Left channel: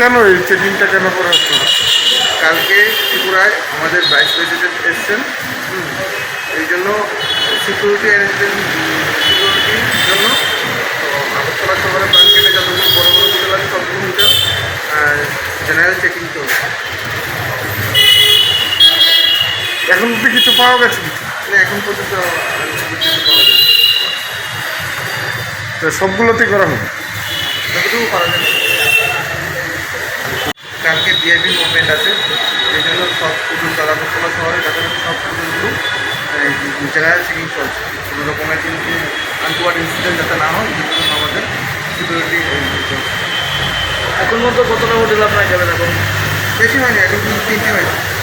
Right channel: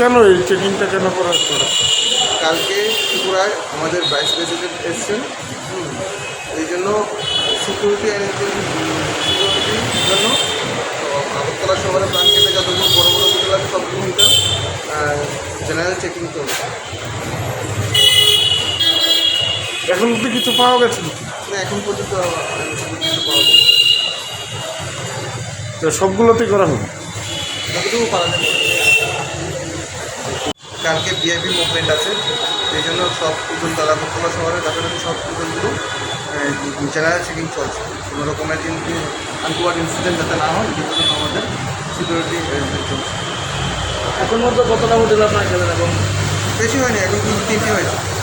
কেন এই চেকিংটা কেন করা হচ্ছে? কালকে ত্রিপুরায় আমাদের ভাইস প্রেসিডেন্ট এসছেন, এই জন্য সিকিউরিটি অ্যারেঞ্জমেন্ট সিকিউরিটির জন্য তো আগরতলা শহরে প্ল্যান কেটে যতগুলো বড় বড় হোটেল আছে সবগুলো হোটেল জেনারেল চেকিং চলছে। এখন অব্দি কিছু পাওয়া গেছে না, এখন পর্যন্ত কিছু পাওয়া যায় সবগুলোতেই করা হবে, যতটুকু করা যাবে। কালকে ভিআইপি মুভমেন্ট আছে, এই জন্য সব হোটেল আগরতলা শহরের কাছাকাছি সব হোটেলগুলো জেনারেল চেকিং চলছে। কোনো রকমের কিন্তু আনটুয়ার্ড ইনসিডেন্ট যাতে না হয়, এর জন্য আমাদের সিকিউরিটি চলছে। এখন মধ্যে কতটা হোটেল আপনার যাবেন? বেশি হয়নি, এখন কিন্তু 3টি হয়েছে।